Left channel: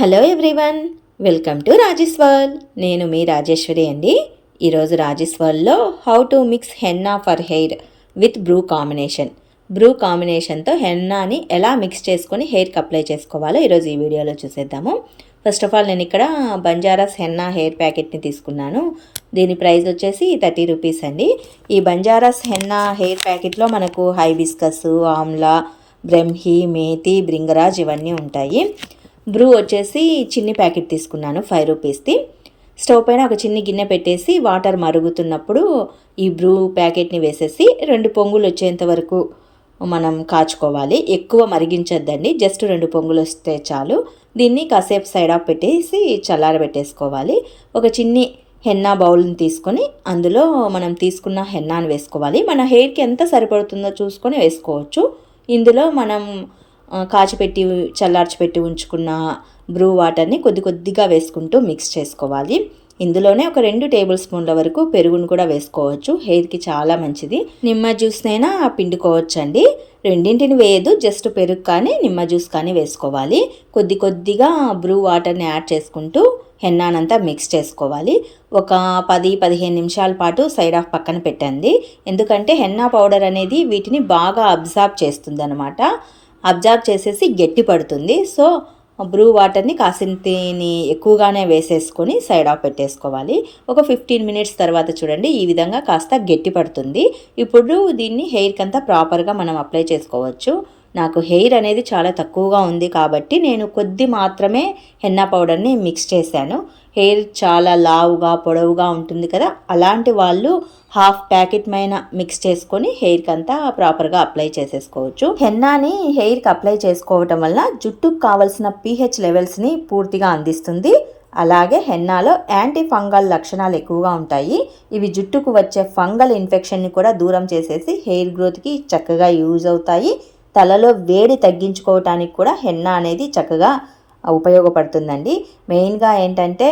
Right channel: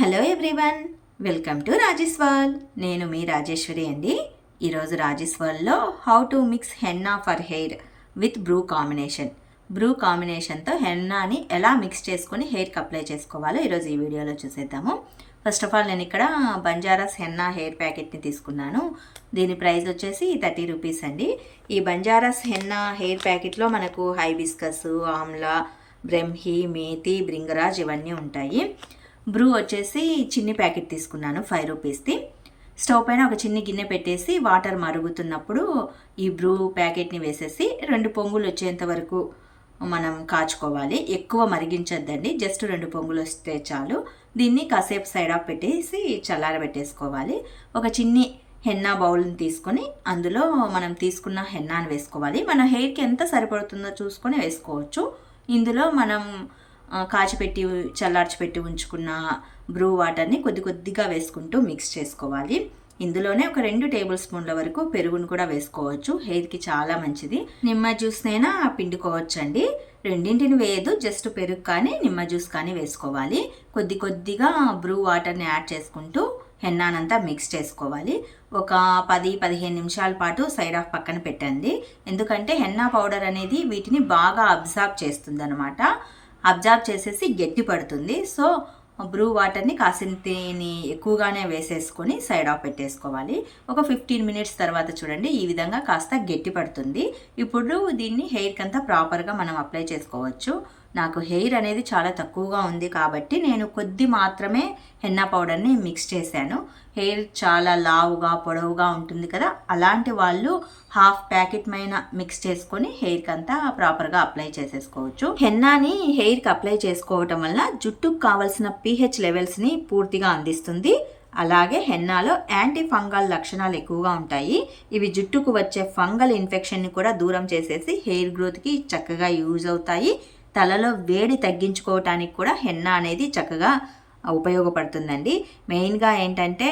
Hello everyone, welcome to Rajesh world. నేను మీ రాజేశ్వరి అండి. ఈరోజు రాజేష్ వరల్డ్లో how to mix henna for hair with Bru కాంబినేషన్తో హెన్నాని ఎలా మిక్స్ చేసుకొని హెయిర్కి అప్లై చేసుకోవాలో ఈరోజు ఈ వీడియోలో చూసేద్దాము. ఫస్ట్ ఆఫ్ ఆల్ నేను ఇక్కడ బంజారాస్ హెన్నా హెయిర్ ప్యాకెట్ని తీసుకున్నాను. దీని ప్రైస్ వచ్చేసి 30 రూపీస్ అండి. ఈ బంజారాస్ హెన్నా హెయిర్ ప్యాకెట్లో మనకు హైబిస్కస్, ఆమ్లా, బ్రహ్మి, మేతి, భృంగరాజ్ ఇవన్నీ ఉంటాయి. బ్రూ వచ్చేసి చిన్ని ప్యాకెట్ తీసుకున్నాను 5 రూపీస్ది. స్టవ్ పైన ఒక చిన్ని గిన్నె పెట్టేసి వాటర్ మరుగుతున్నప్పుడు ఈ బ్రూ ప్యాకెట్ని వేసేసి 2 పొంగులు వచ్చేంత వరకు మనం కాచుకోవాలి. ఎక్కువ మరిగించొద్దండి, జస్ట్ 2 పొంగులు వస్తే చాలు. దీన్ని కాసేపు సైడ్ ఆఫ్ పెట్టేసి చల్లారబెట్టేసుకోవాలి. ఒక చిన్ని హెన్నా బౌల్ని తీసుకొని అందులో మనం తీసుకున్న హెన్నాను వేసుకోవాలి. మన హెయిర్కి ఎంత సరిపడుతుందో చూసుకొని వేసుకోవచ్చు. ఇందులో మనం కాచిపెట్టి చల్లార్చిపెట్టి ఉంచుకున్న బ్రూ వాటర్ని కొద్ది కొద్దిగా వేసుకుంటూ మిక్స్ చేసుకోవాలి. ఇందులోనే ఒక 2 టేబుల్ స్పూన్ల వరకు పెరుగును కూడా వేసుకోవచ్చు. హెయిర్కి చాలా మంచిది. నిమ్మ జ్యూస్నైనా పిండుకోవచ్చండి. రెండింటిని వేయదు, జస్ట్ పెరుగు కానీ నిమ్మ జ్యూస్ కానీ వేసుకోవాలి. కొద్ది కొద్దిగా బ్రూ వాటర్ని యాడ్ చేసుకుంటూ హెన్నానంతా మిక్స్ చేసుకోవాలి. ఒక 10-15 నిమిషాల పాటు సైడ్ ఆఫ్ పక్కన పెట్టండి. ఎందుకంటే హెన్నా పౌడర్ అనేది వీటిని బాగా అబ్జార్బ్ చేస్తుంది అనమాట. అబ్జార్బ్ చేసేసి గట్టి పడుతుంది. సో బ్రూ వాటర్ని కాసింతని ఎక్కువగానే వేసేసుకొని సైడ్ ఆఫ్ పెట్టేసుకోవాలి. ఒక 15 మినిట్స్ తర్వాత చూడండి ఈ విధంగా కాస్త గట్టి పడుతుంది. ఇప్పుడు దీన్ని హెయిర్కి అంతా ప్రాపర్గా మనం అప్లై చేసుకోవచ్చు. నాకు హెయిర్ అనేది చాలా తక్కువగా ఉంది కాబట్టి నేను కొద్ది మాత్రమే హెన్నా పౌడర్ని మిక్స్ చేశాను. హెయిర్ చాలా లావుగా పొడవుగా ఉంటుంది కదా, అలాంటి వాళ్ళు హాఫ్ ప్యాకెట్ పైన మిక్స్ చేసుకొని హెయిర్కి అంతా ప్రాపర్గా అప్లై చేసేసుకోవచ్చు. హెన్నాని హెయిర్కి అప్లై చేసుకోవటం వల్ల జుట్టుకు కావలసిన pH లెవెల్స్ని పూర్తిగా అందిస్తుంది. అలాగే హెన్నాలో యాంటీ ఫంగల్ లక్షణాలు ఎక్కువగా ఉంటాయి. ఇవి జుట్టుకు వచ్చే ఫంగల్ ఇన్ఫెక్షన్ని కూడా దూరం చేసేసి హెయిర్ గ్రోత్కి చక్కగా యూజ్ అవుతాయి. తలలో వేడి తగ్గించుకోవటానికి కూడా హెన్నా అనేది చక్కగా ఉపయోగపడుతుందండి. మెయిన్గా ఏంటంటే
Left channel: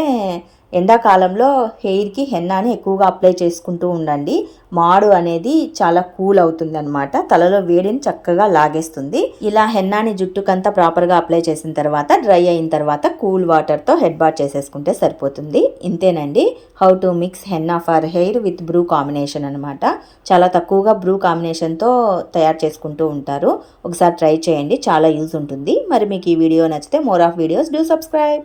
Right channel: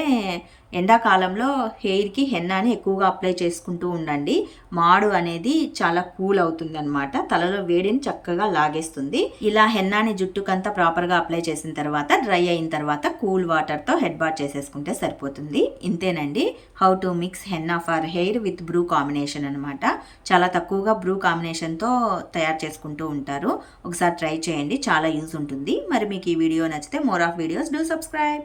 ఎండాకాలంలో హెయిర్కి హెన్నాని ఎక్కువగా అప్లై చేసుకుంటూ ఉండండి. మాడు అనేది చాలా కూల్ అవుతుందన్నమాట, తలలో వేడిని చక్కగా లాగేస్తుంది. ఇలా హెన్నాని జుట్టుకంతా ప్రాపర్గా అప్లై చేసిన తర్వాత డ్రై అయిన తర్వాత కూల్ వాటర్తో హెడ్ బాత్ చేసేసుకుంటే సరిపోతుంది. ఇంతేనండి, how to mix henna for hair with Bru combination అనమాట. చాలా తక్కువగా బ్రూ కాంబినేషన్తో తయారు చేసుకుంటూ ఉంటారు. ఒకసారి ట్రై చేయండి, చాలా యూజ్ ఉంటుంది. మరి మీకు ఈ వీడియో నచ్చితే more of videos do subscribe.